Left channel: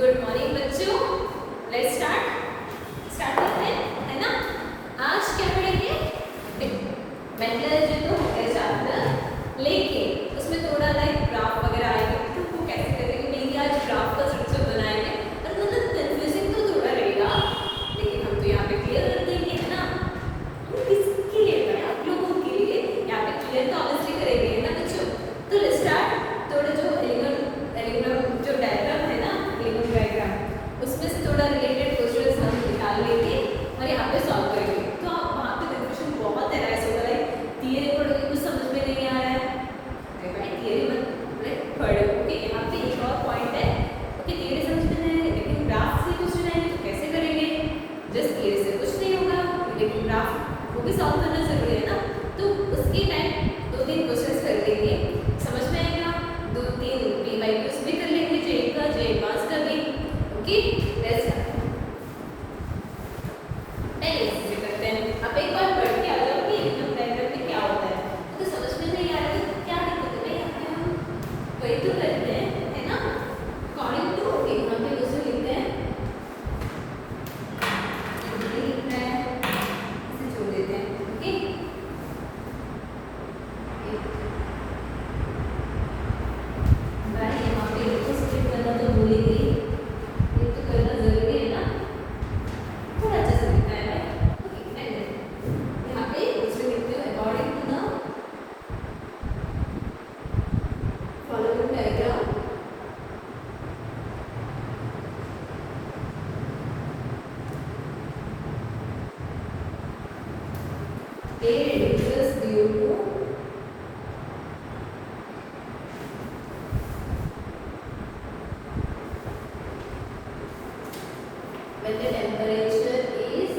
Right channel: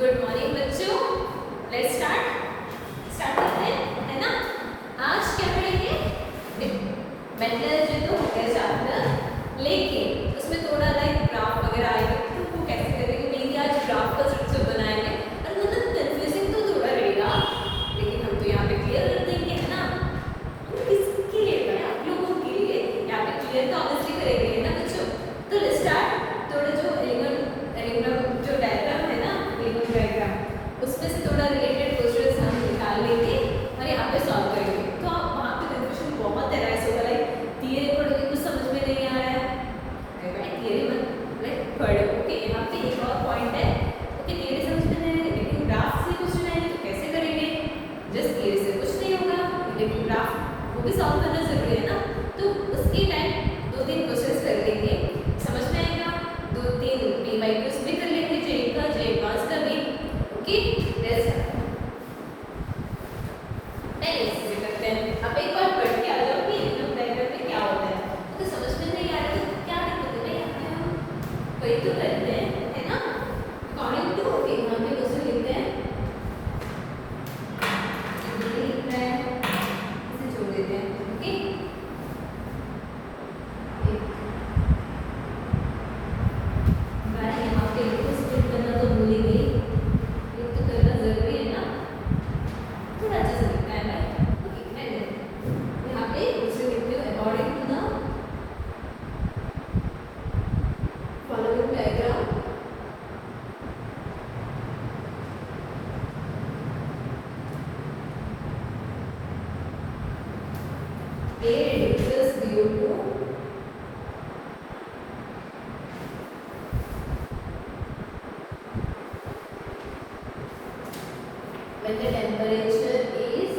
Good morning बच्चों, let's start करते हैं, है ना। आज क्या पढ़ेंगे? मेंटल जो तो मेरे चैप्टर, लेकिन उसमें थोड़ा लाइक ग्राफ वगैरह आएगा, तो वो कैसे करेंगे? मेनली आज ग्राफ का स्ट्रक्चर बनाएंगे और मतलब कंफ्यूजिंग तो थोड़ा रहेगा, लेकिन हम तो यहाँ पे क्लियर कर देंगे, है ना। हम किसके लिए करें? आप लोगों के लिए यहाँ पे क्लियर तो ऑब्वियसली करेंगे, है ना बच्चों। तो लेट्स स्टार्ट। थोड़ा जो एलिमेंट जो डायग्राम है ना, एलिमेंट डायग्राम, उसमें से थोड़ा रिलेटेड क्वेश्चंस हम निकाल लेंगे और यहाँ पे सॉल्व करेंगे। तो वहाँ पे कंफ्यूजन बहुत है, ऐसा होगा लाइक थियरी पढ़ोगे कुछ समझ में नहीं आ रहा है, थियरी मत पढ़ो। ओके, यहाँ पे एक और पॉइंट है। ओके, थियरी समझ में नहीं आएगा, लेकिन ग्राफ से क्वेश्चन आएंगे तो कैसे करेंगे? जस्ट थियरी से कुछ नहीं होगा, लेकिन ग्राफ वो भी सॉल्व करना जरूरी है ना। तो उसके टाइम 2-3 क्वेश्चन कर लेंगे, समझ में आएगा। 2-3 PYQs भी कर लेंगे, जे का जे एडवांस का भी। ओके, लेट्स करते हैं। अब एक बार पढ़ के आ जाओ कि इनकम डायग्राम में क्या होता है। तो समझ में नहीं आ रहा है क्या दिक्कत है? हम वही तो करते हैं, है ना। अकॉर्डिंग टू यहाँ पे क्वेश्चन लिखते हैं, लिखना है, इसे जोड़ देते हैं। Okay, when the temperature is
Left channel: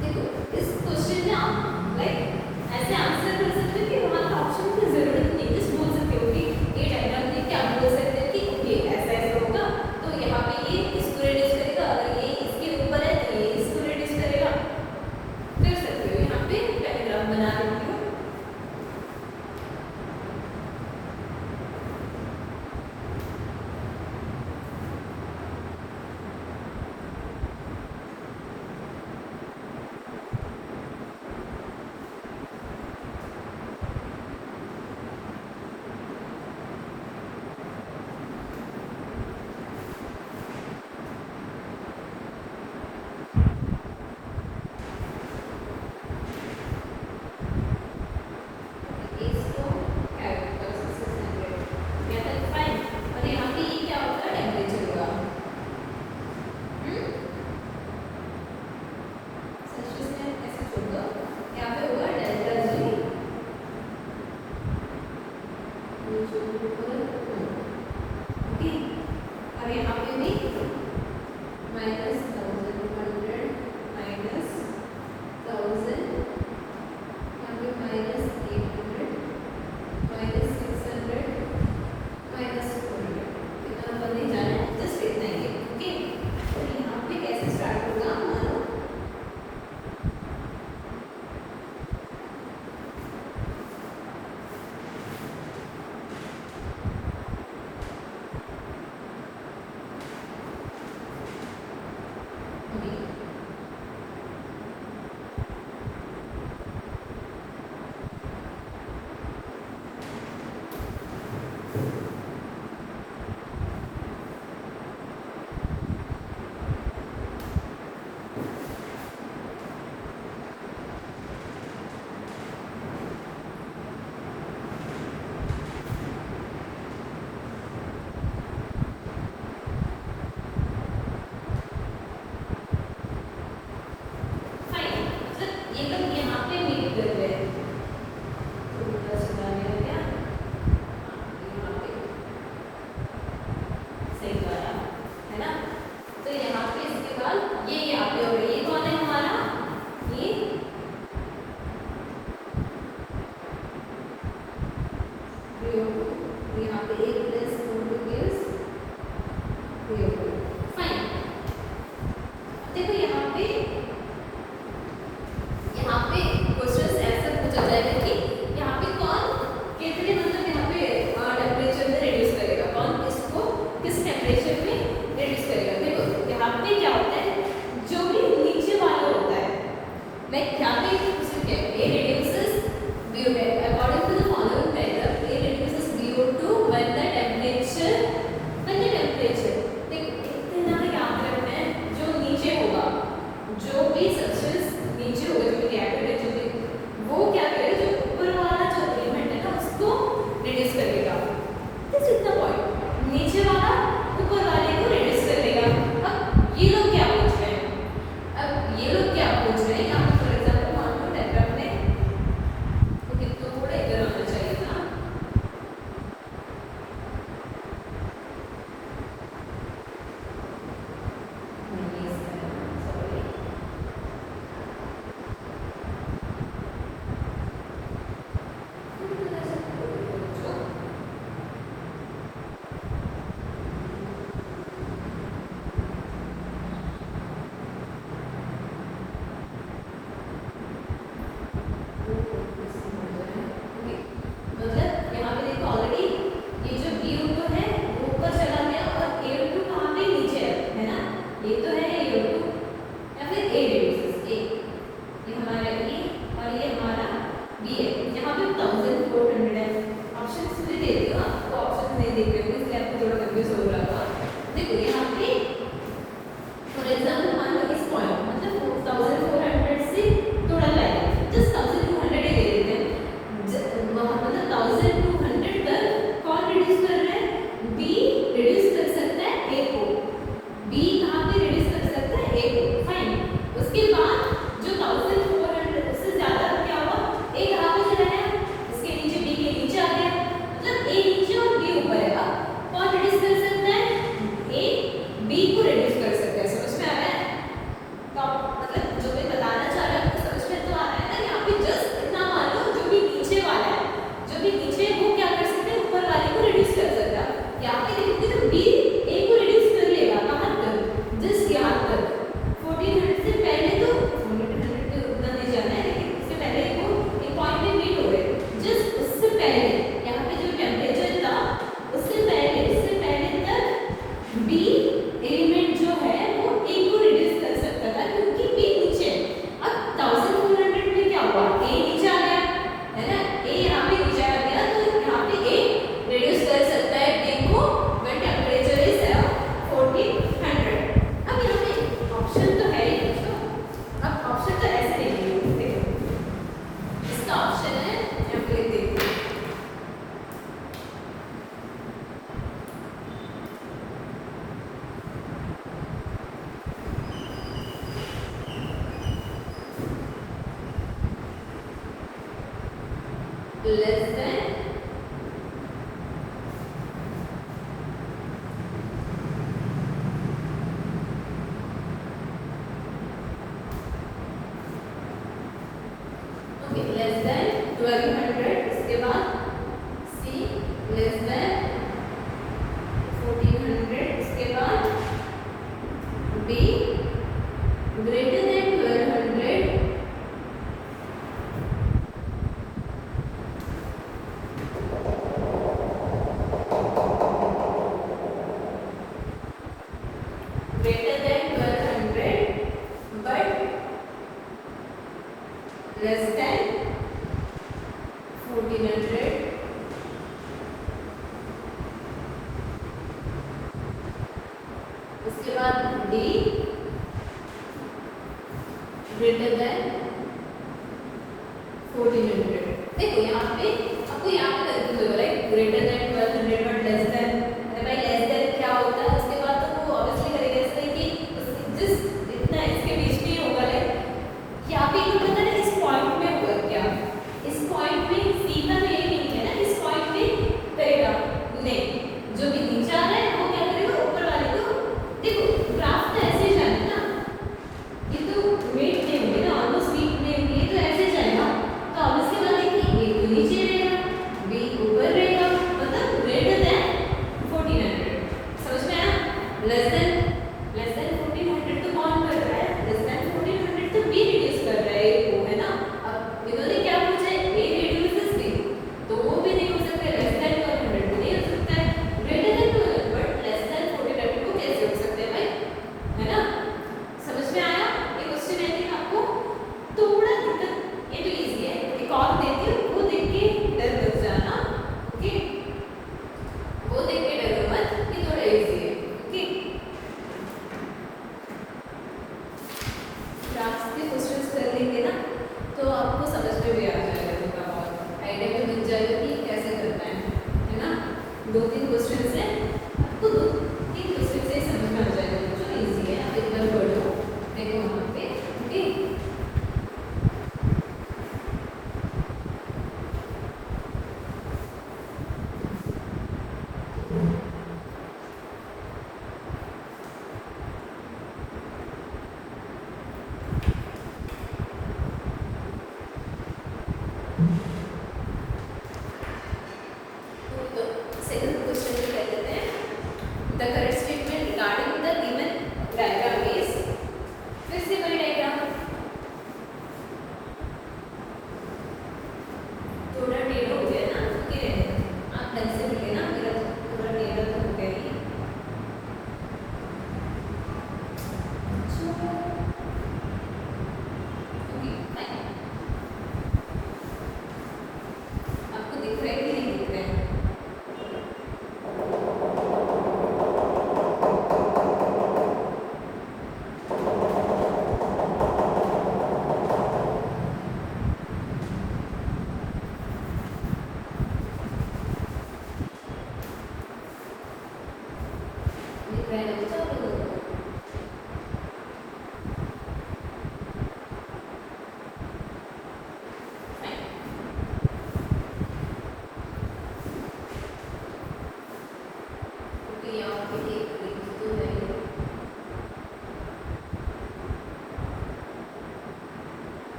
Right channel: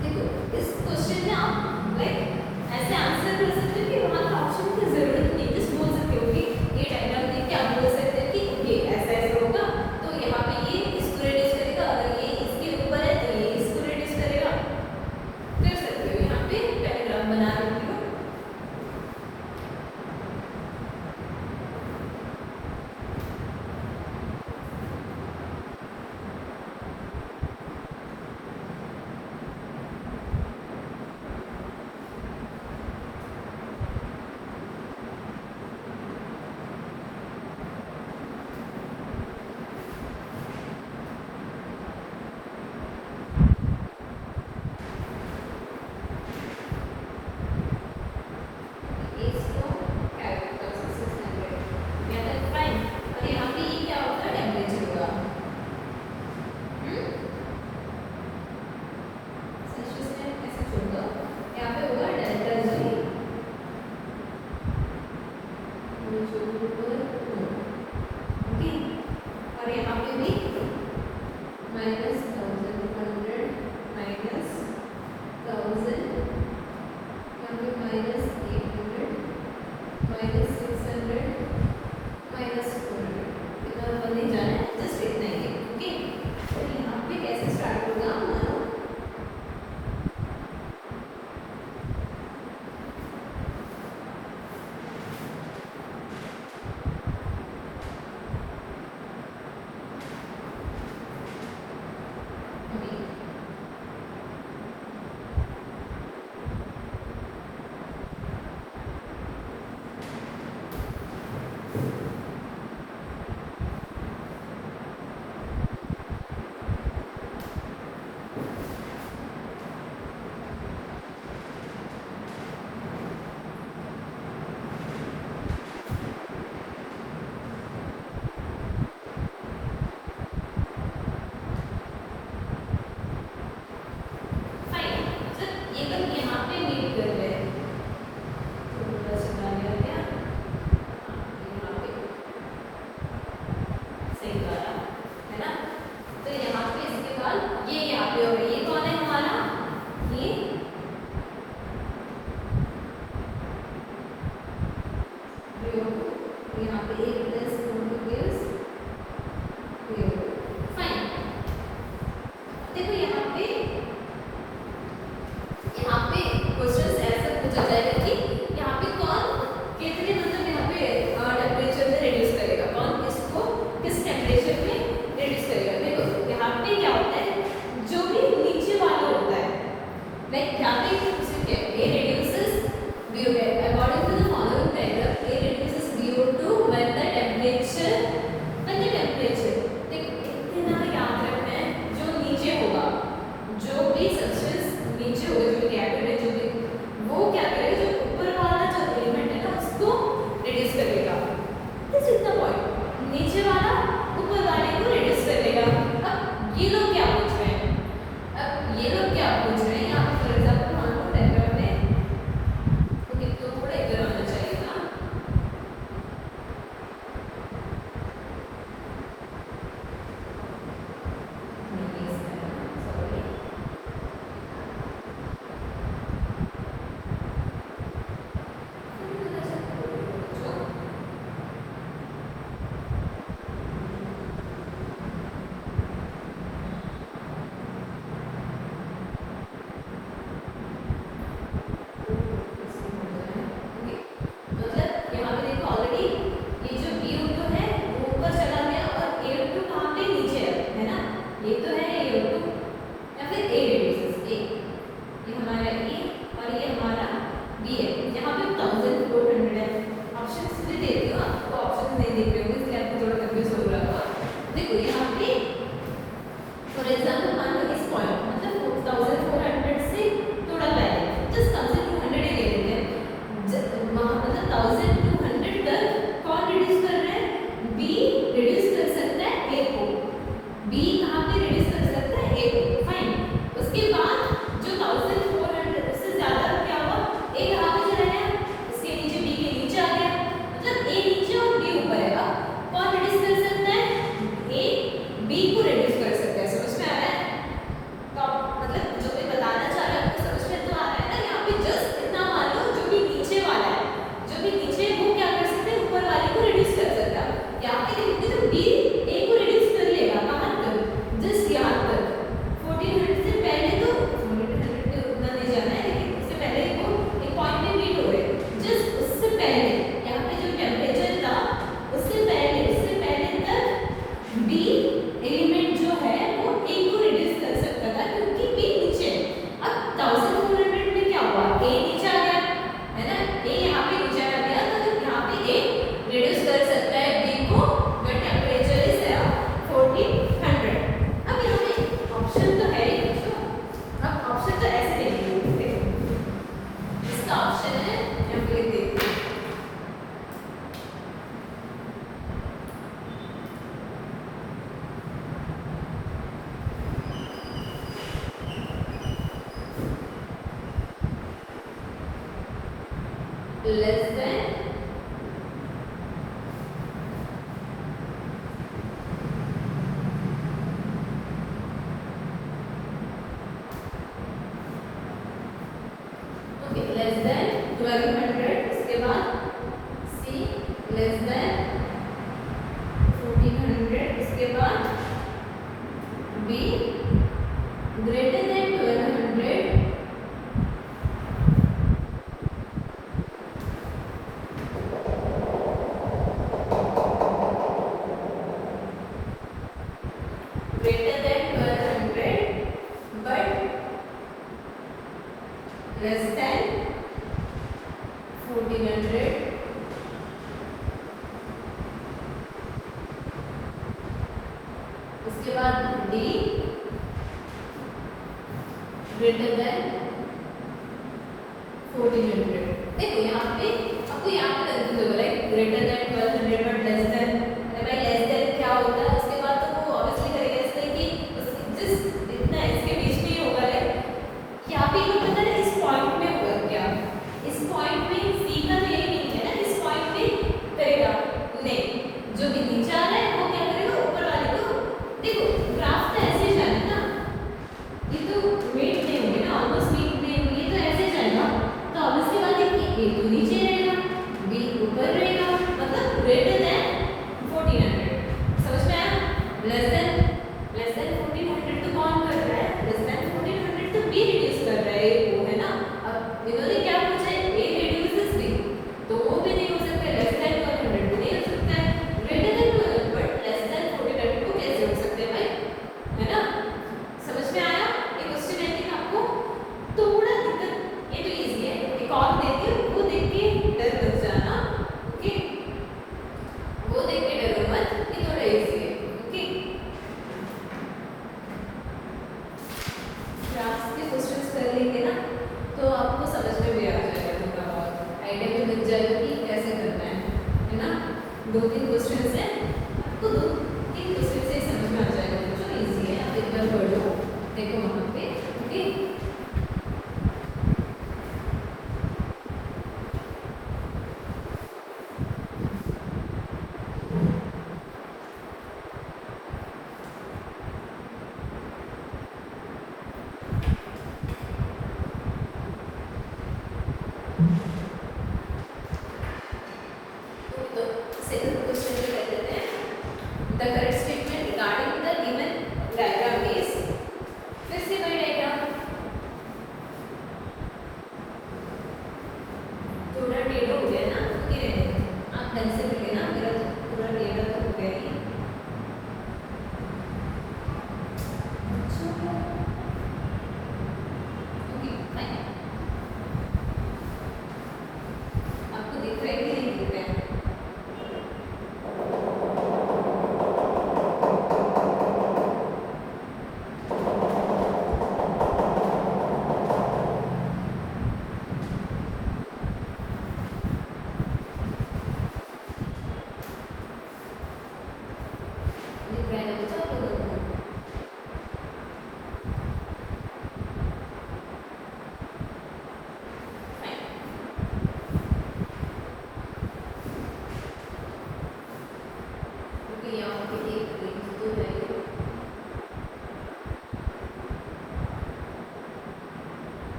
देखो इस क्वेश्चन में आप लाइक ऐसे आंसर कर सकते हो कि हमारा ऑप्शन की जरूरत नहीं है, बोल सकते हो कि ये डायग्राम देख के आप बोल सकते हो कि ये ऐसा ऐसा होगा, तो यहाँ पे ये इसको रिड्यूस करेगा, अगर ये इसके ऊपर है तो ये इसको रिड्यूस करेगा, कर सकते हो। यहाँ पे पैराग्राफ बना रही हूँ। सब्सटेंस नीचे होगा जो रिएक्टर में वो क्या करेगा, जो ऊपर वाला जो एलिमेंट है ना उसको रिड्यूस करेगा। बस इतना पॉइंट, नीचे वाला ऊपर वाले को रिड्यूस कर देगा। अब ये लोग क्या पूछ रहे हैं, अब ये लोग क्या पूछ रहे हैं, यहाँ फॉर एग्जाम्पल मान लो डायग्राम में तो थोड़ा इधर आना चाहिए था। Less than less than 1200, इसके बाद C less than 1400, इसके बाद D greater than 1200, greater than 1200 but less than 1400, उसके बाद D greater than 1400। देखो यहाँ पे आपको याद करते हुए right, greater than 1200 but less than, भाई लेस देन क्या होता है, उसके बाद तो वो ऑब्वियसली करेगा इस तरह की जिस इतना इसके बीच में होगा राइट, क्या भी ये होगा ना इस पॉइंट में होगा, क्या इस पॉइंट में C का तो यही नहीं है ना, इस पॉइंट में करेगा नहीं, जो भी नीचे आ रहा है वो क्या करेगा ऊपर वाले को। देखो ग्राफ तो ऐसे ही जाना ना, ये तो वेट नहीं होगी ना, ऑलमोस्ट वीक नहीं होगी, ये तो ऐसे जाएगा, तो ऑब्वियसली बात है कि A तो नीचे रहेगा B ऊपर रहेगा, मतलब ग्रेटर करेंगे ना तो आपको समझ में भी आ जाएगा, थोड़ा बहुत आइडिया भी बन जाएगा कि कैसे करना है ना। 2-3 क्वेश्चन है, आपको 2-3 क्वेश्चन से समझ में आ जाएगा, तो इजी है, आप एकदम पढ़ो देखो वहाँ पे। ओके, second question में कह देते हैं the correct statement regarding the given diagram is, फिर से वही डायग्राम थोड़ा टेढ़ा हो गया ना, ओके आप ढंग से लिखे ना, मेरा थोड़ा टेढ़ा तो हो गया ही। ओके फाइन, आपको दिख रहा है कि नहीं दिख रहा है? दिख रहा है तो आपको फाइन। ओके, यहाँ पे एक तो है,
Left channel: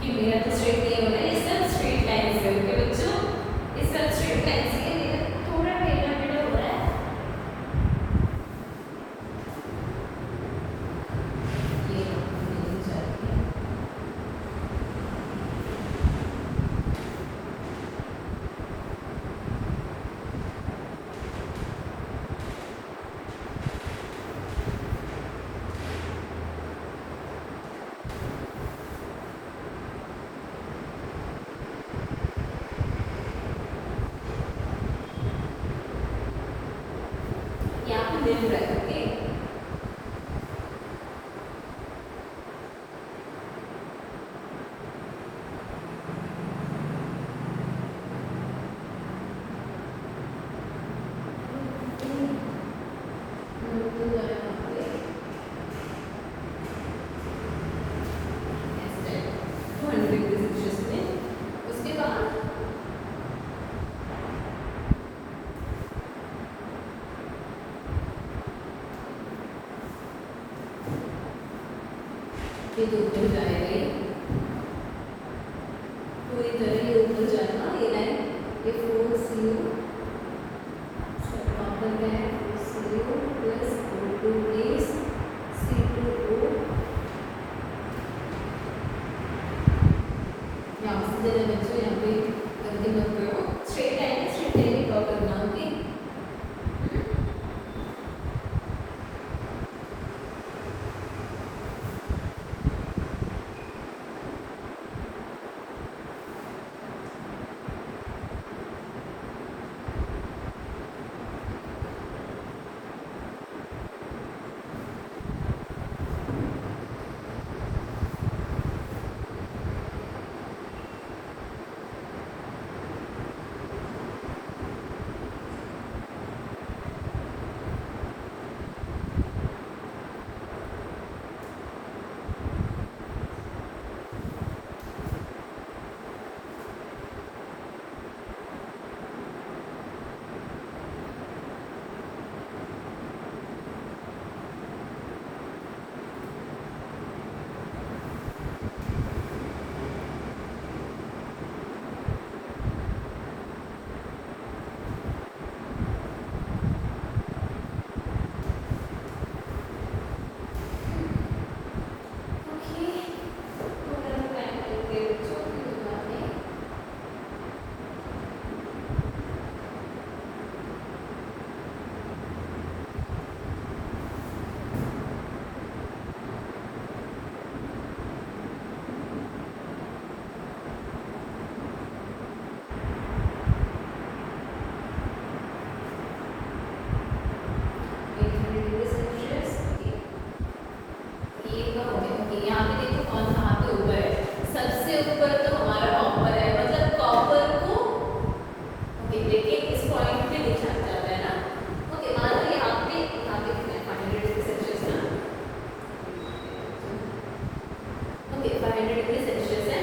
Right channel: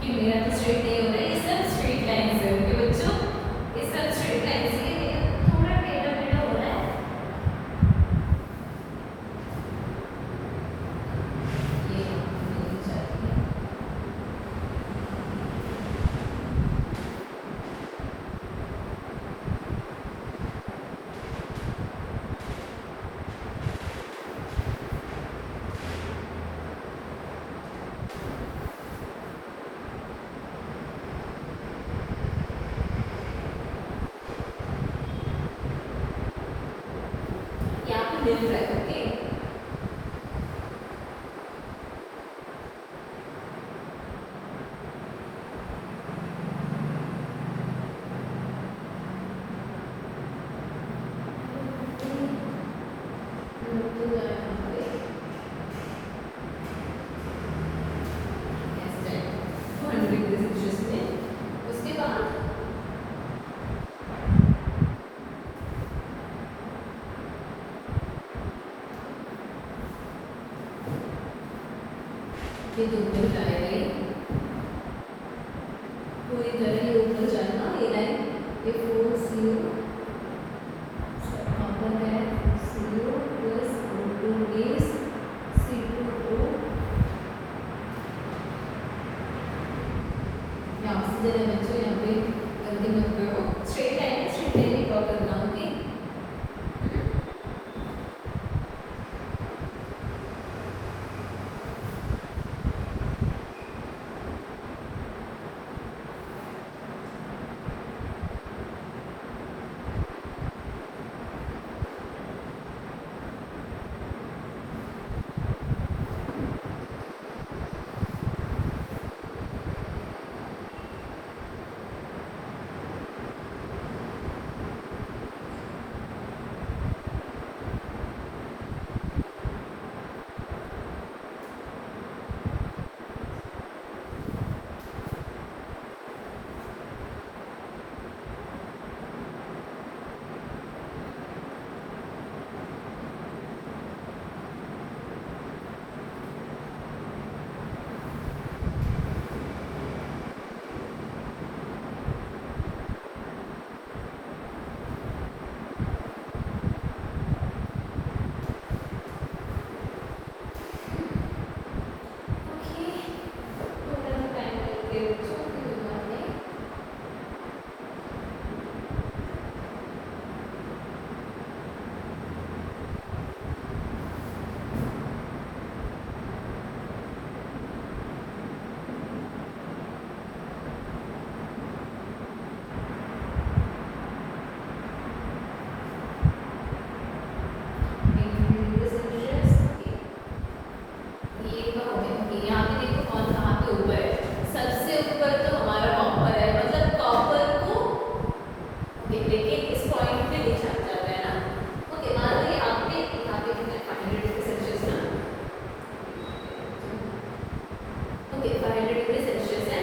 कि मेरा तो स्ट्रेट नहीं हो रहा है, ये सब स्ट्रेट लाइन है। ओके बच्चों, ये सब स्ट्रेट लाइन है, मेरा थोड़ा टेढ़ा टेढ़ा हो रहा है। ये मिल जाएगा, यहाँ पे मिल रहा है। ओके, उसके बाद ये दूर जाएगा, ये पूरी तरह ये ऊपर जाएगा, ये लाइन ये 4 CO प्लस बेस C2O, यहाँ से जरा बच्चों यहाँ पे गलती मत करो, स्ट्रेट लाइन ड्रॉ करना। ओके, लेकिन इस पॉइंट पे लिखा जाता है ना। ओके, मान लीजिए आपने यहाँ पे 500 डिग्री सेल्सियस ना, ओके 500 डिग्री सेल्सियस है।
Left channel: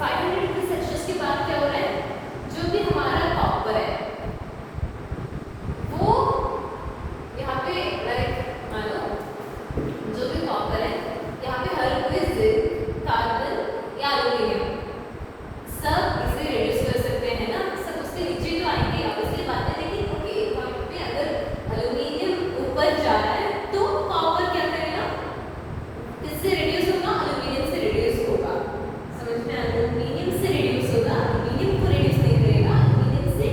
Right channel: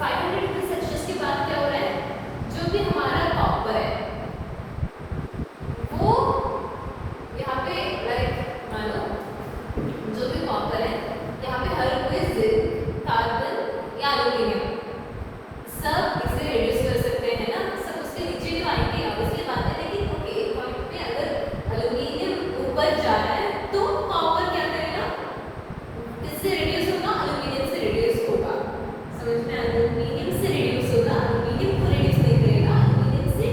500 डिग्री सेल्सियस के बाद क्या हो रहा है, जो भी हमारा कॉपर है वो यहाँ पे लाइक मान लो जो भी कॉपर है यहाँ पे हर कोई जिंक, कार्बन या एल्यूमिनियम सब इसे रिड्यूस कर सकते हैं ना, सब उसके नीचे तो आएंगे। अब उसके बाद है लेकिन ओके एक पॉइंट पे अगर एल्यूमिनियम ऊपर जा रहा है तो कॉपर क्या करेगा, किससे रिड्यूस होगा, एल्यूमिनियम से रिड्यूस होगा। समझ में, एल्यूमिनियम से रिड्यूस होगा, एल्यूमिनियम को रिड्यूस नहीं करेगा, एल्यूमिनियम से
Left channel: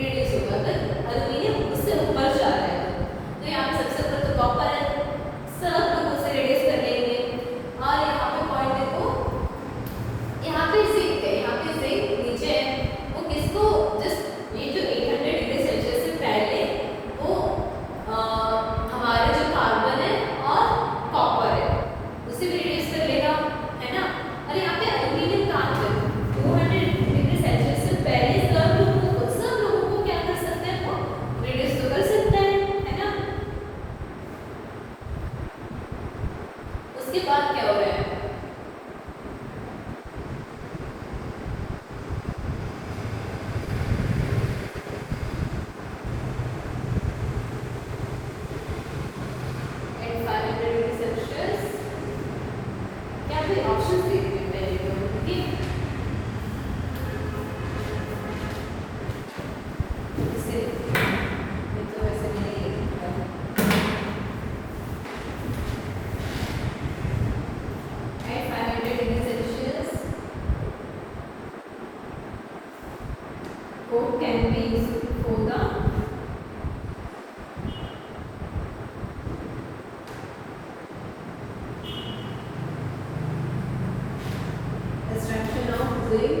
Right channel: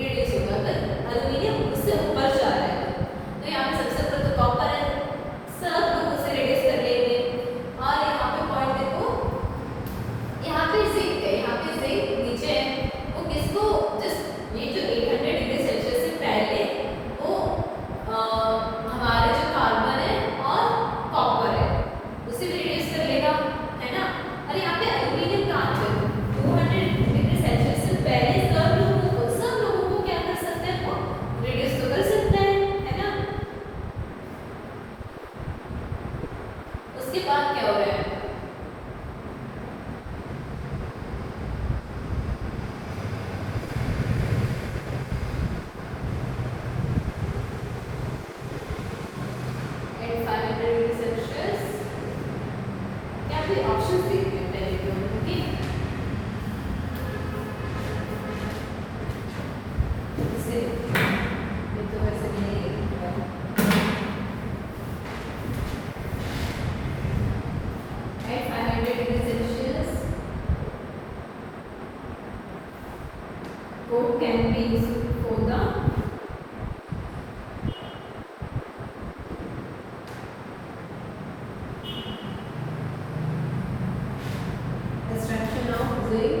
रिड्यूस होगा। अगर एल्यूमिनियम इससे ऊपर जा रहा है तो यहाँ पे सबसे पहले तो कॉपर है, सब लोग उसे रिड्यूस कर लेंगे। और यहाँ पे पॉइंट देखो, यहाँ पे जिंक है, यहाँ पे जिंक नीचे है, वो किसको जस्ट ये जो 800 डिग्री सेल्सियस से पहले वो हमारे जो कार्बन है और कॉपर है उसे भी रिड्यूस कर लेगा, है ना। और यहाँ पे एल्यूमिनियम कहाँ पे 200 डिग्री सेल्सियस से पहले सब लोगों को क्या कर सकते हैं, वो रिड्यूस तो कर सकते हैं, है ना। उसके बाद क्या हो रहा है, ऑप्शन देखते हैं पहले तो, ठीक है। इससे ये तो ऐसा नहीं है। At 500 degrees Celsius, coke can be used for the extraction of zinc,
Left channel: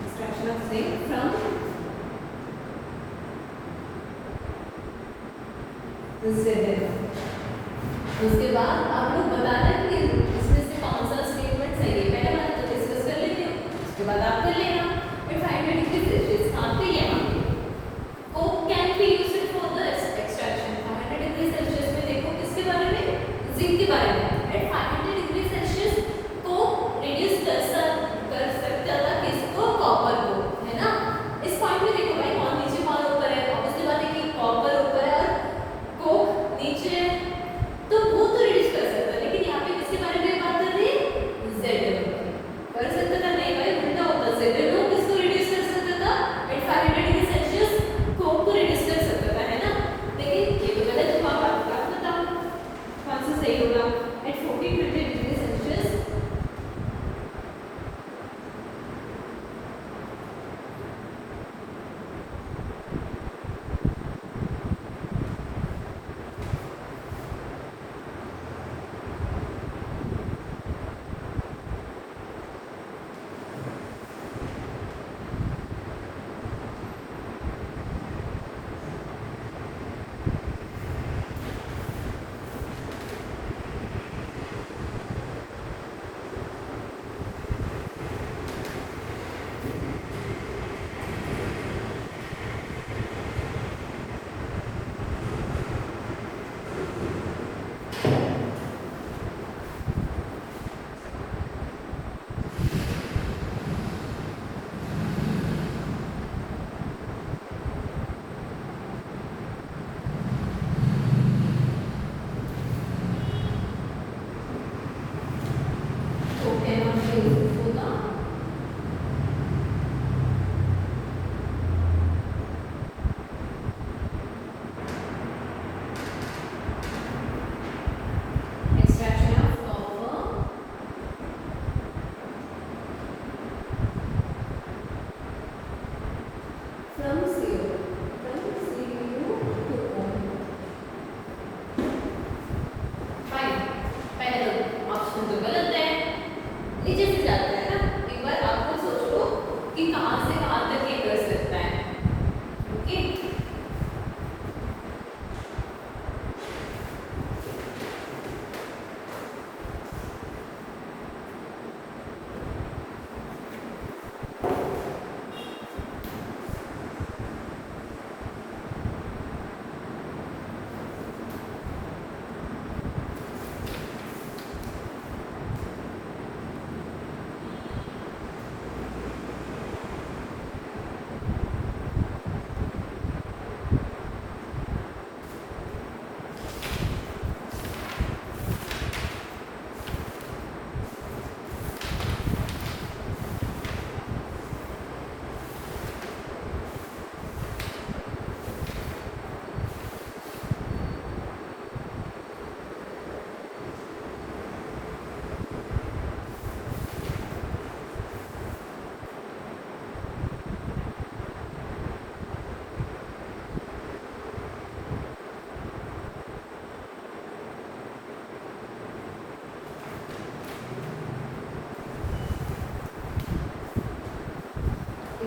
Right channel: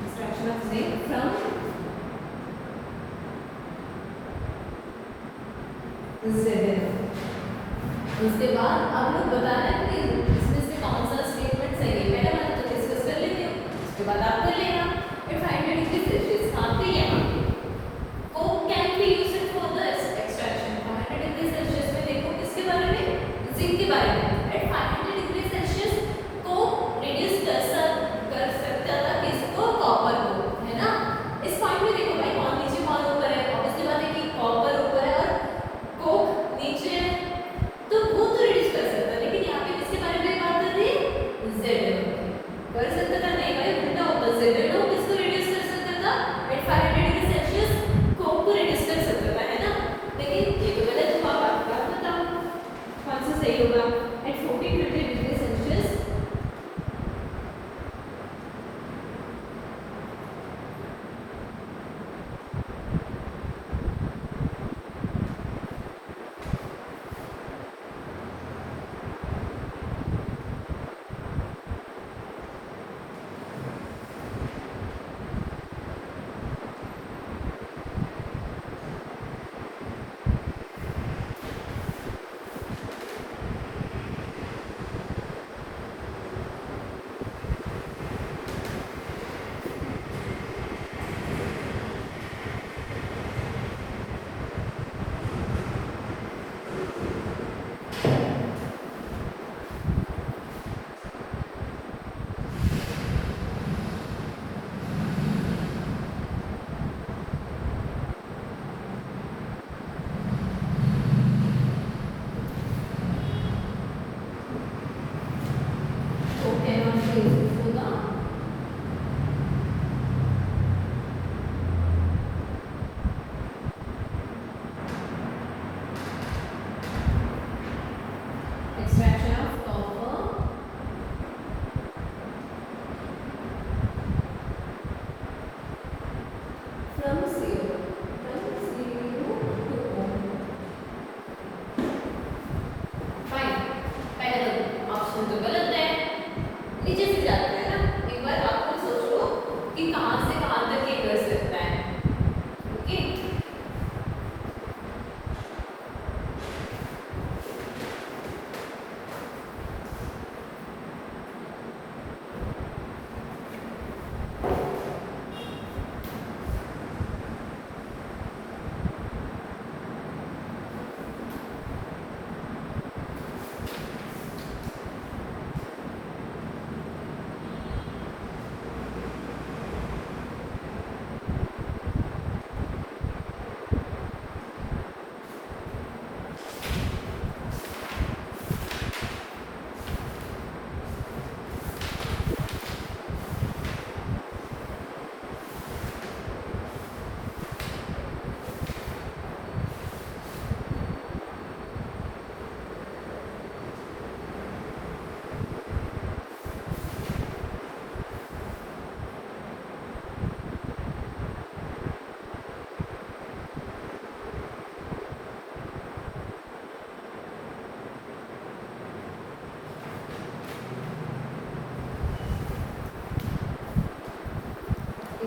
extraction of zinc from zn। उसके बाद आप लोग बता रहे हैं कि इसमें से कौन सा स्टेटमेंट सही है, पहले मैंने तो डिस्कस कर लेते हैं, उसके बाद आप कर लेना। फिर 500 डिग्री सेल्सियस आते ही coke can be used for the extraction. 500 degree Celsius में देखो किसके बारे में, जिंक के बारे में। At 500 degree Celsius coke reduce कर सकता था किसको, कॉपर को, है ना। इस पॉइंट में देखो भाई कौन नीचे कौन ऊपर है, उसके बाद देखिए कॉपर ऊपर है और कोक नीचे है, तो वो तो रिड्यूस कर सकता है। लेकिन यहाँ पे किसके बारे में बात कर रही है, Zn कर सकता था, नहीं भाई उल्टा होता, Zn किसको रिड्यूस कर सकता था, एट 500 डिग्री सेल्सियस कोक को रिड्यूस कर सकता था, है ना। लेकिन ये तो गलत हुआ, आप बताओ कौन सा सही होगा। एट 1400 डिग्री सेल्सियस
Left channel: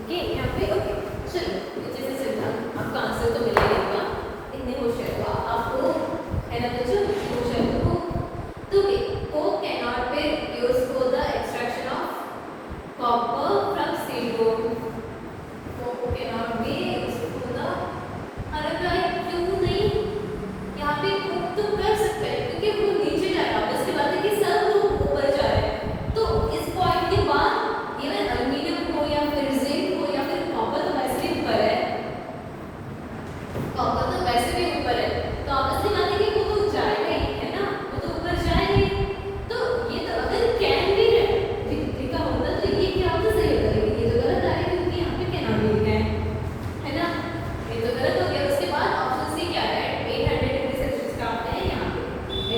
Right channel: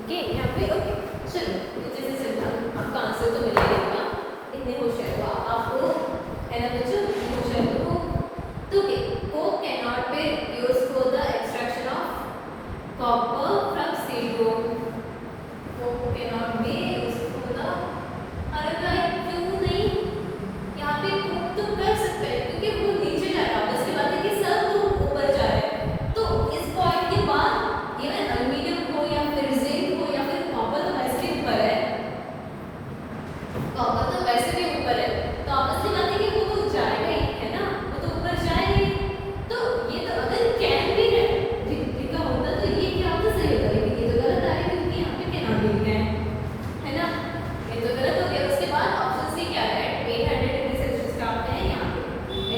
ये यहाँ पे चलो जैसे सिंपल आपका आंसर तो मिल ही गया इतने क्वेश्चन को आपको है ना बच्चों क्वेश्चन को तो coke cannot be used for the extraction of copper from silicon. Coke cannot be used for the अगर लाइक क्यों नहीं यहाँ पे coke तो कर सकते हैं क्योंकि वो नीचे जा रहा है उसके बाद है कि सब लोग ऊपर जा रहे हैं तो इस पॉइंट के बाद इवन एल्यूमिनियम हो या फिर जिंक हो या फिर कॉपर तो वैसे भी ऊपर है कॉपर तो वैसे भी ऊपर है तो आपस में लाने के वो तो जाएगा ही है ना वो तो ऊपर जाएगा तो ये तो अगर कैन भी लिखा होता तो ये क्या होता सही होता लेकिन ये तो गलत आया क्योंकि यहाँ पे कैन भी लिखा है ना ये तो गलत हो गया उसके बाद ऑप्शन सी क्या है 800 डिग्री सेल्सियस का आता है यहाँ पे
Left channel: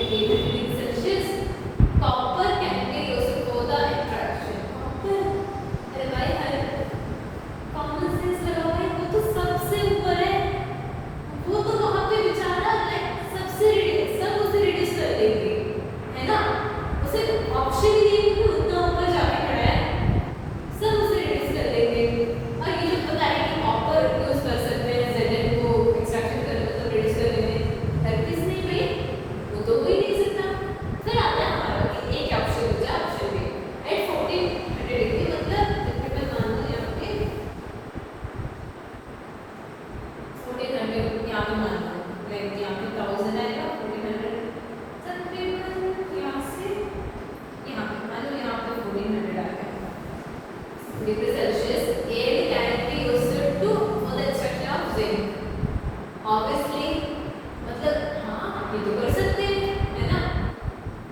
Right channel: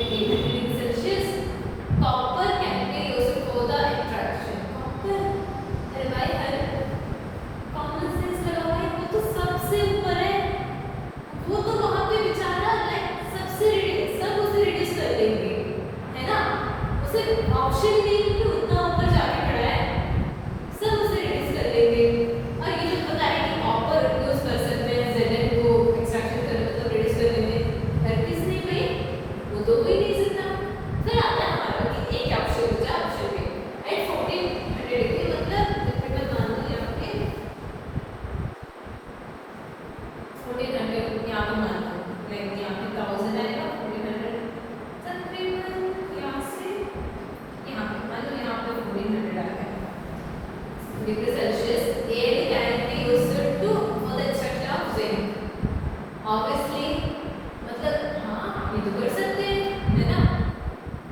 800 degree Celsius copper can be used for the extraction copper अरे भाई हर कॉमन सेंस लगा है वो तो सबसे ऊपर है वो तो वहां पे बेचारा लाइक सबसे सब उसे रिड्यूस कर देंगे है ना उसे ऑप्शन ही नहीं कि उतना ऊपर जाके खड़ा है सब उसे रिड्यूस कर देंगे और ये जो पता है कि कॉपर यूज कर सकते हैं जेलेन को एक्सट्रैक्शन कर मतलब रिड्यूस कर देंगे हर किसी ने भाई वो तो हो ही नहीं सकता फिर आता है हमारा कि एक ऑप्शन बचा ऑप्शन बी एट 1400 डिग्री मतलब टिपिकल मान लो यहाँ पे 1400 यहाँ पे मान लो मैं यहाँ पे 1000 आएगा 1400 तकरीबन यहाँ से यहाँ पे मान लो यहाँ पे 1400 आ गया degree Celsius air can be used to for the extraction of zinc obviously मतलब हाँ ये तो कर सकते हैं है ना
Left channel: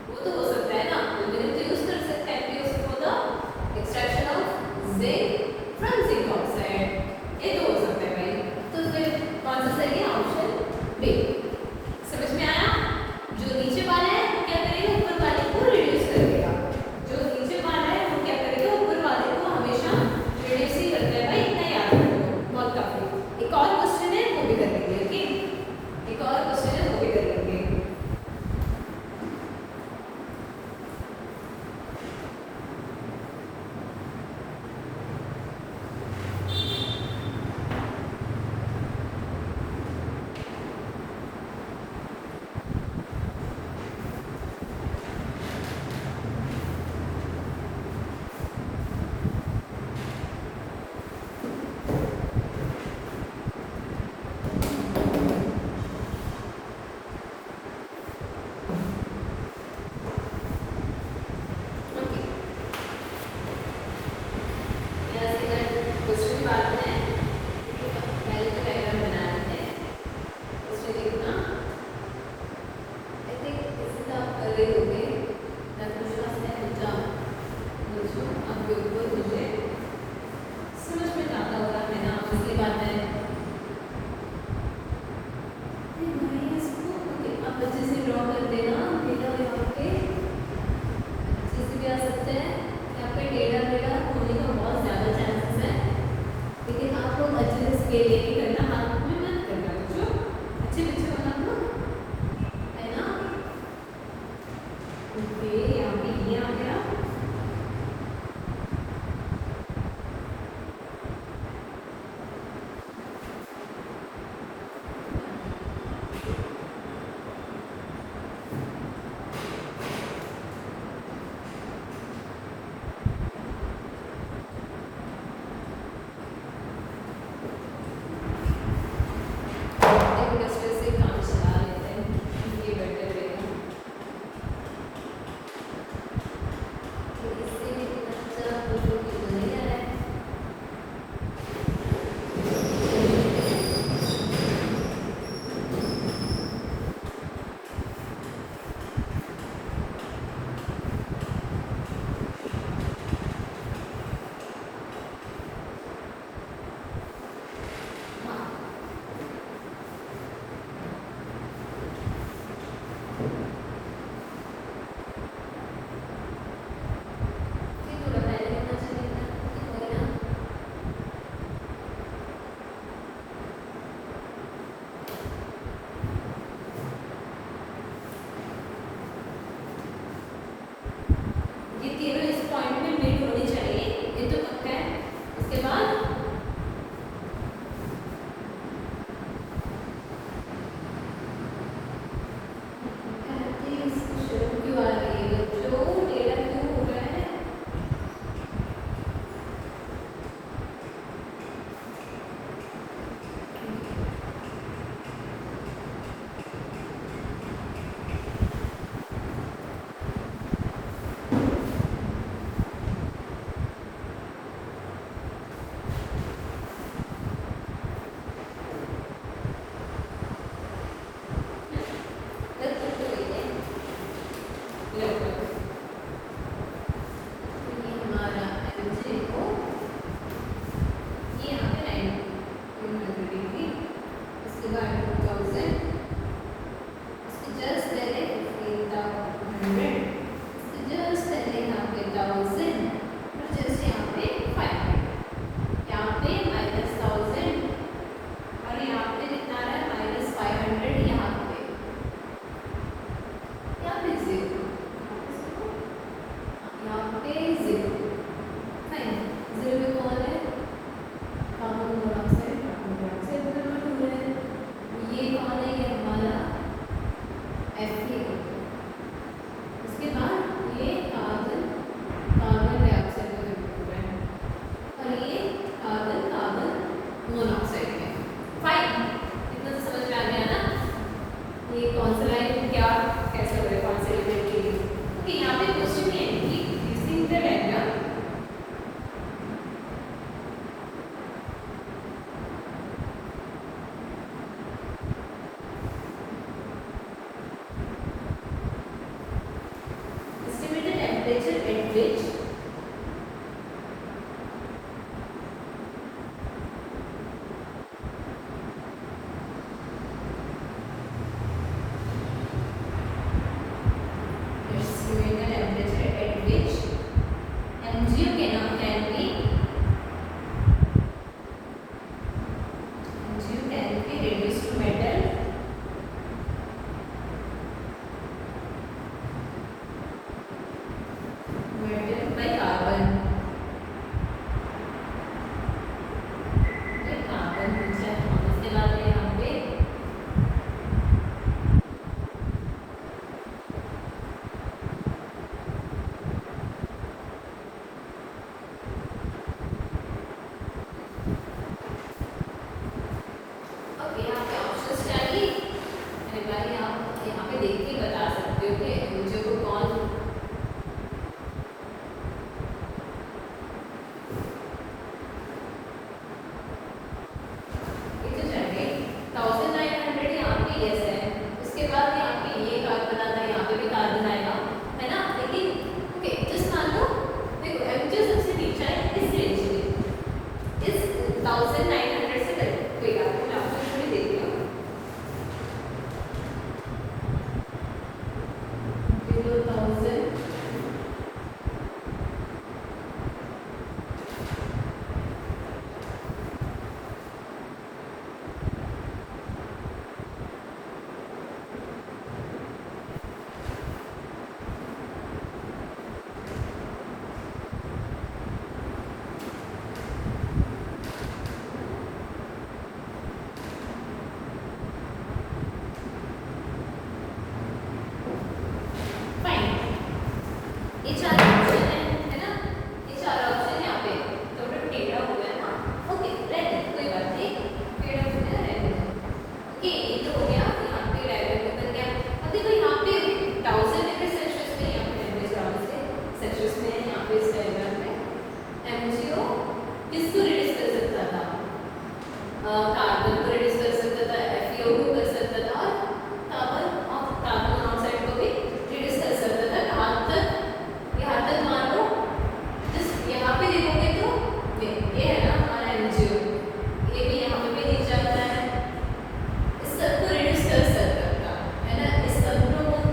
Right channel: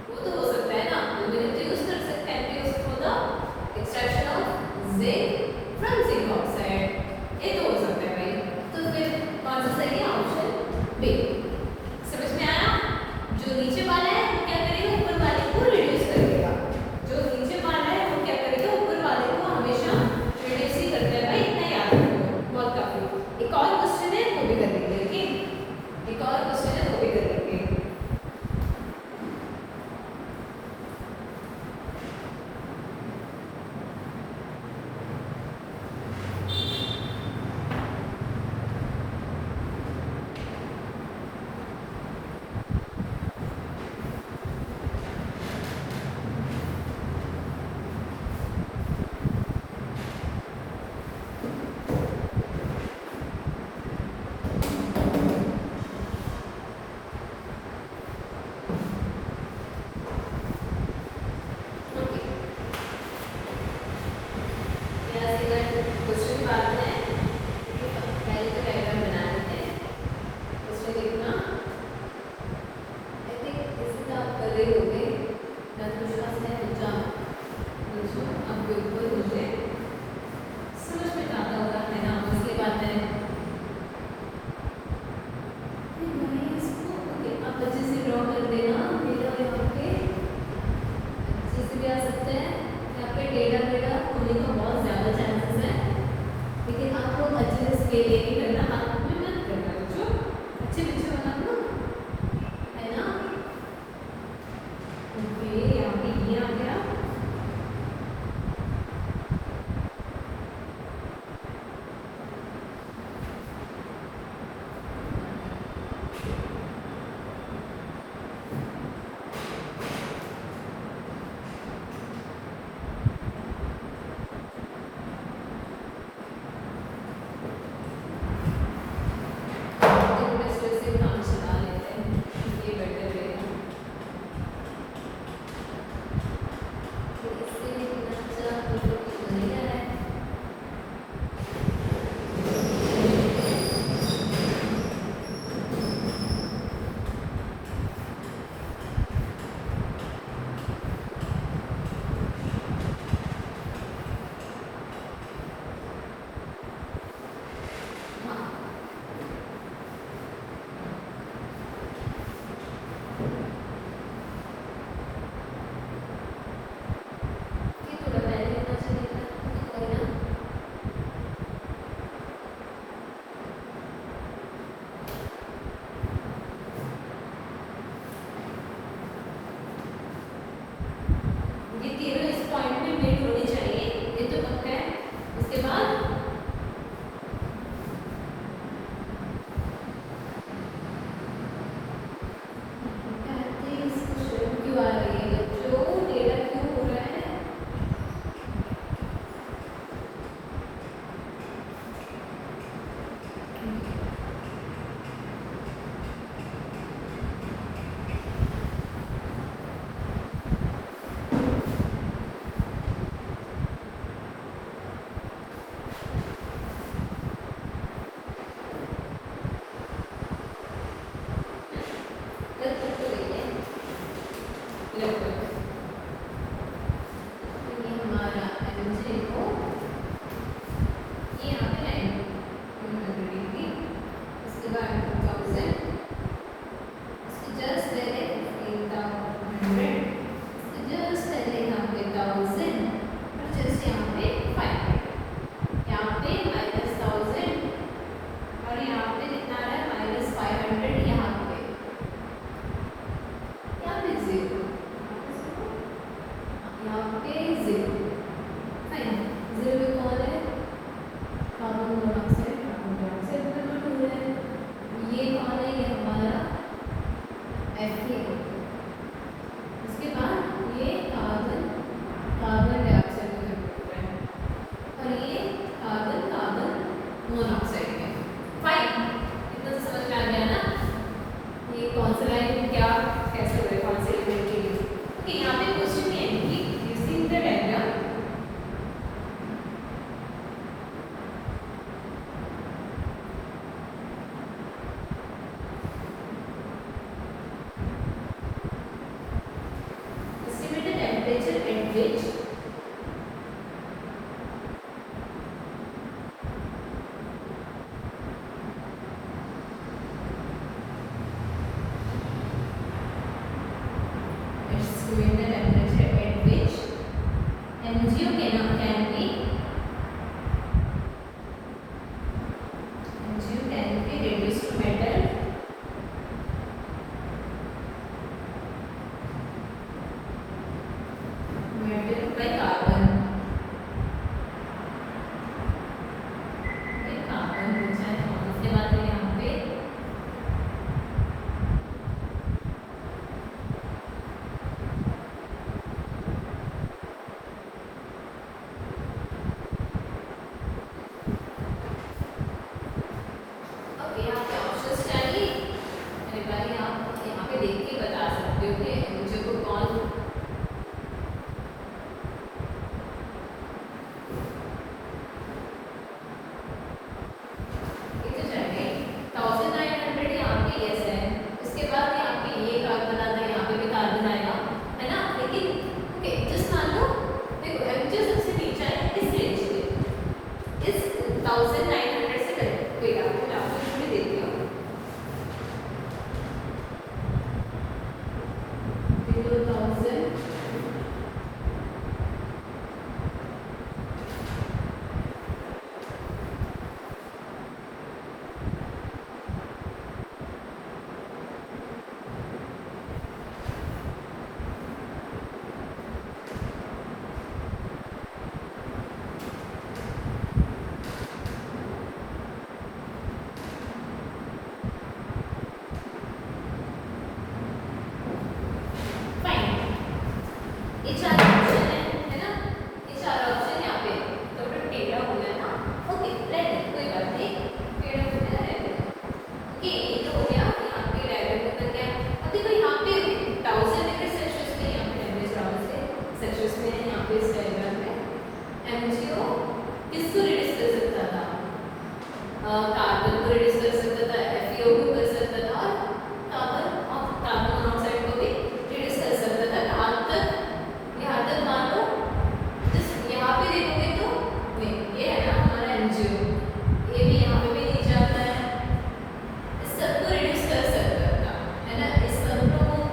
वो तो हो सकता है ना एल्यूमिनियम तो यूज कर सकते हैं use for the extraction of zinc from zinc oxide ये तो हो सकता है भाई तो फिर कौन सा सही है ऑप्शन बी समझ में आया जो नीचे वाला है वो क्या करेगा ऊपर वाले को रिड्यूस करेगा जो नीचे वाला है वो क्या करेगा ऊपर वाले को हमेशा रिड्यूस ही करता है भाई इतना याद रखो बहुत काफी एक और क्वेश्चन है वो भी कर लेंगे लेकिन एक और क्वेश्चन है वो भी कर लेंगे क्वेश्चन बात है पहले तो डायग्राम बनाना है उसमें देखना आई थिंक इससे आप कर रहे होंगे मैं कुछ ऐसे एग्जाम मुझे आपके ऊपर मुझे समझ में आता होगा है ना उसके बाद है आप अच्छे से ड्रॉ कर देना मतलब यहाँ पे अच्छे से भी आ सकते हैं यहाँ पे डेटा वेटा होने का बहुत ज़्यादा चांसेस है लेकिन आप लोग अच्छे से स्केल लेके करना आप रिड्यूस कर सकता था, FeO को कर सकता था और कार्बन मोनोऑक्साइड को भी रिड्यूस कर सकता था। यहाँ तक मान लो जिस यहाँ पे देखोगे तो ये है ना हमारा MgO, ये भी यहाँ पे भी नहीं जाता है, इस सबको रिड्यूस कर सकता था, है ना, इस सब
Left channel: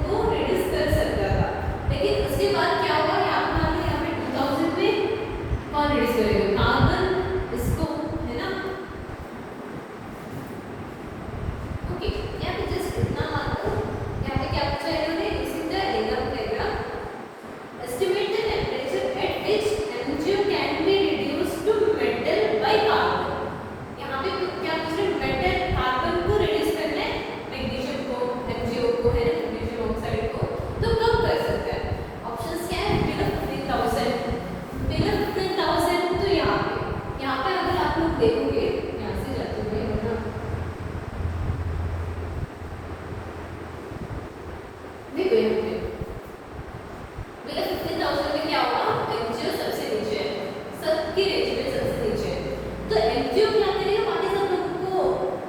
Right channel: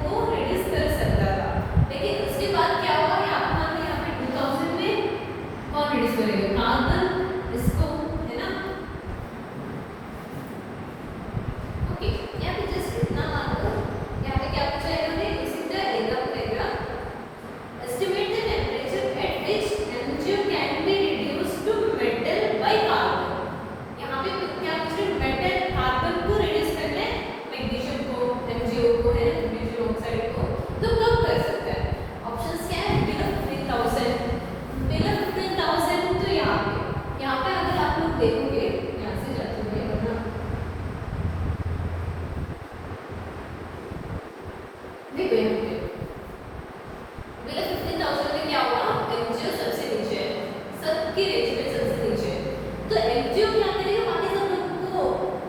को रिड्यूस कर सकता था। लेकिन उसके बाद क्या हुआ, यहाँ पे 2000 में कौन रिड्यूस करेगा, कार्बन, इसको, है ना। ओके, यहाँ पे जस्ट इतना मान लो, यहाँ पे क्या पूछा है इन्होंने, इसी का example estimate the temperature at which MgO can be reduced to metal by carbon। यहाँ पे क्या पूछ रहे हैं, मेटल कार्बन को रिड्यूस करना है, मैग्नीशियम को, MgO को, है मैग्नीशियम ऑक्साइड को, तो कब कर सकता है। ऑप्शंस क्या है, बिलो 15,000, बिलो 15,000 तो यहाँ पे अगर आप लोग देखोगे, यहाँ से जाते हुए वरना देखो यहाँ पे बिलो 15,000 में क्या हुआ, MgO सबसे नीचे है, सबकी रेंज में सबसे नीचे है, तो MgO क्या करेगा, बाकी सब लोगों को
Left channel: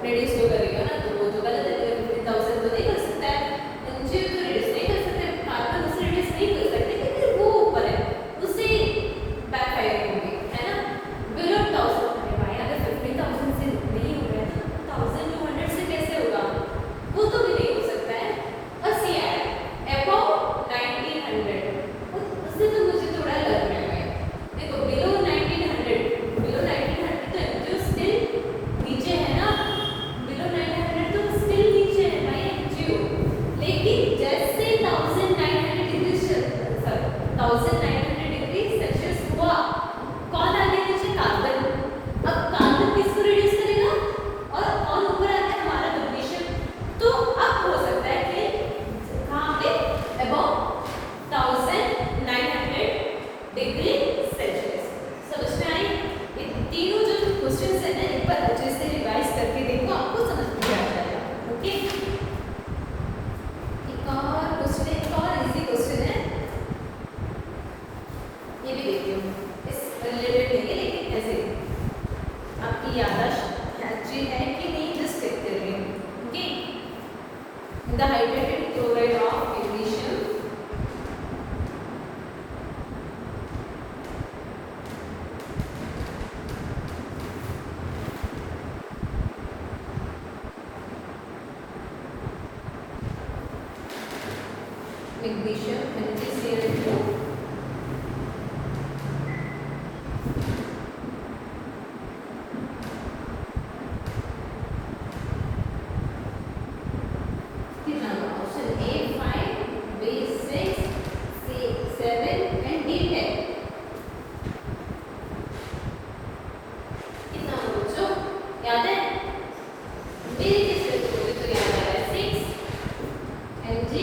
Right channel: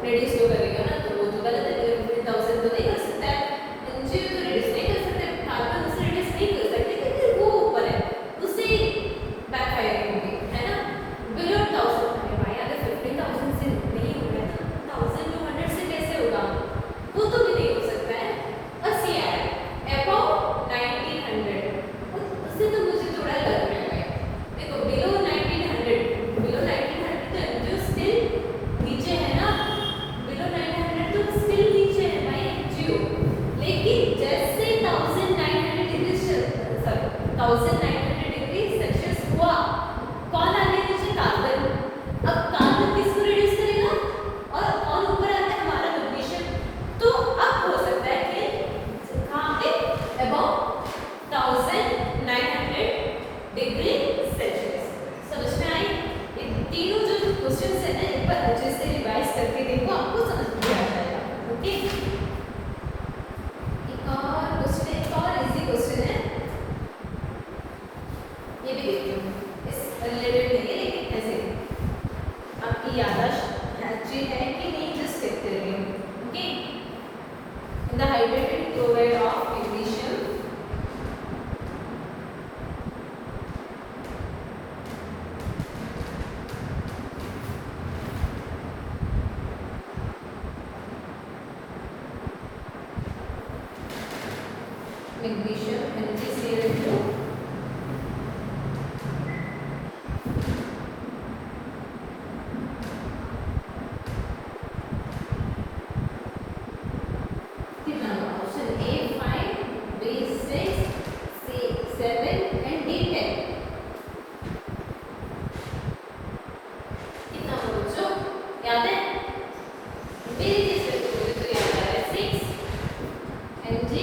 रिड्यूस क्यों करेगा ना, तो वो तो गलत है, बिलो 15,000 तो नहीं कर सकता है, MgO तो रिड्यूस नहीं कर सकता है, कार्बन उससे रिड्यूस नहीं कर सकते, लेकिन वो ऊपर है, उससे बैकफायर होगी, है ना। बिलो 1000 भाई अगर 15,000 से नहीं हो रहा है तो 1200 से कैसे होगा, वो तो भी नहीं हो सकता है। बस ये है अबव 1900, उससे तो मुझे थोड़ा लग रहा है, देखो बिलो 1900 तो MgO स्टिल नीचे है ना, बिलो 900 तो स्टिल नीचे है भाई MgO, लेकिन जैसे 1900 डिग्री सेल्सियस हुआ, कौन आ गया नीचे, कार्बन। अब कार्बन किसको रिड्यूस करेगा और कौन ऊपर आ गया, हमारा मैग्नीशियम, तो अब हो सकता है कि कहाँ पे अबव 1900 डिग्री सेल्सियस। समझ में आई, ये तीनों जो क्वेश्चंस है ना, एक बार अच्छे से रिवाइज करके देखो, आपको समझ में आ जाएगा। ओके, एक और क्वेश्चन, एक और इजी क्वेश्चन है, ये भी देखिए, इस रिलेटेड नहीं है लेकिन ऐसे आपकी याददाश्त अच्छी है कि नहीं जस्ट देखते रहिए। Okay, in the hydrated chloride of magnesium MgCl2 option A 5, B 6, C 7 and D 10। कितना बच्चों याद है, मेरे जैसे तो याद है 6 Mg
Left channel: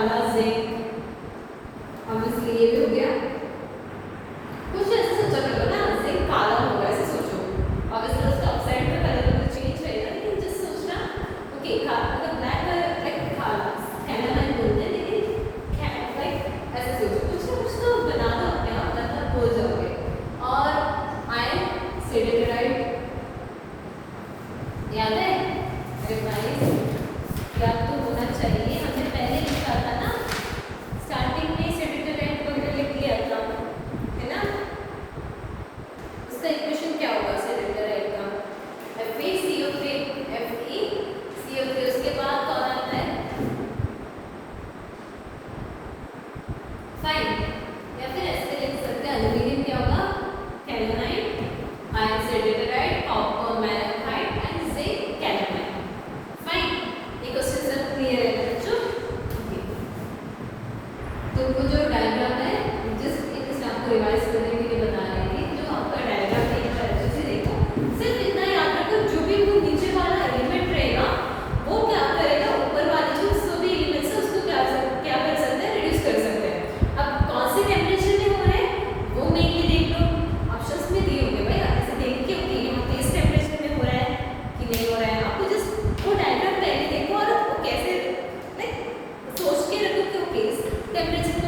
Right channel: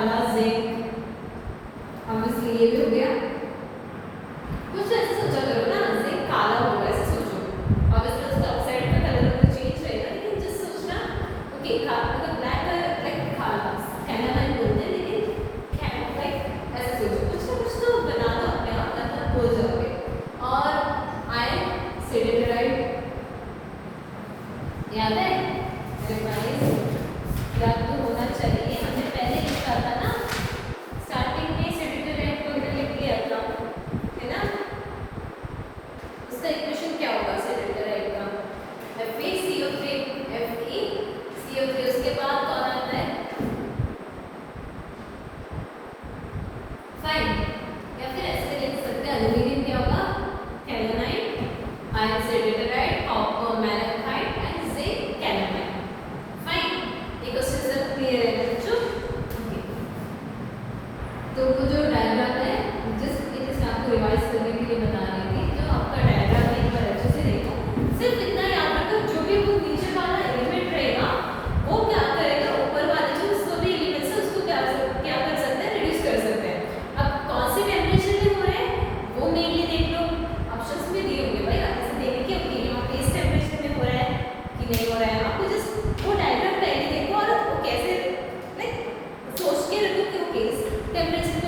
काला जिंक, ऑब्वियसली ये भी हो गया। कुछ ऐसे सोचा करो ना, जिंक काला होगा ऐसे सोचो, ऑब्वियसली उसका ऑक्साइड का कलर तो चेंज रहेगा, लेकिन जस्ट सोचना ओके अगर ब्लैक कलर लाइक काला कैनामाइन बोलते हैं, लेकिन लाइक ऐसे सोचो, कुछ तो बना दो अपने आप, मतलब हो जाओगे। और आयन सिलिकाइड याद है, याद तो होना चाहिए, हमने पहले लिखा था ना स्टार्टिंग में सिलिकाइड को लिख लिया था, है ना। इसका इक्वेशन क्या होगा सिलिकाइड का, FeCO3 FeCO3, उसके बाद कौन आता है फाइन, या फिर ऐसे लिख सकते हैं एल्यूमिनियम क्या होगा calamine, iron silicide, copper malachite and zinc calamine. Fine, ये क्वेश्चन सब क्लियर है बच्चों। तो वो जो डायग्राम है जस्ट इसे आपको रिवाइज करने के लिए बता रही थी, जो आपका डायग्राम है एक बार अच्छे से देखो, सिर्फ इतना याद रखो जो भी वो नीचे वाला एलिमेंट रहेगा वो क्या करेगा, ऊपर वाले जो उसको भी एलिमेंट्स है उसको क्या कर सकते हैं, रिड्यूस कर सकते हैं। अब कौन से टेम्परेचर में हो रहे हैं वो मेनली देख लो, ऑप्शंस में दिए होंगे भाई, आप इसे देख के ओके यहाँ पे इस टेम्परेचर में हो रहा है कि नहीं हो रहा है, आपको जस्ट वो डायग्राम पहले देखो और आपको कैसे सोच के रखो कि ओके इस टेम्परेचर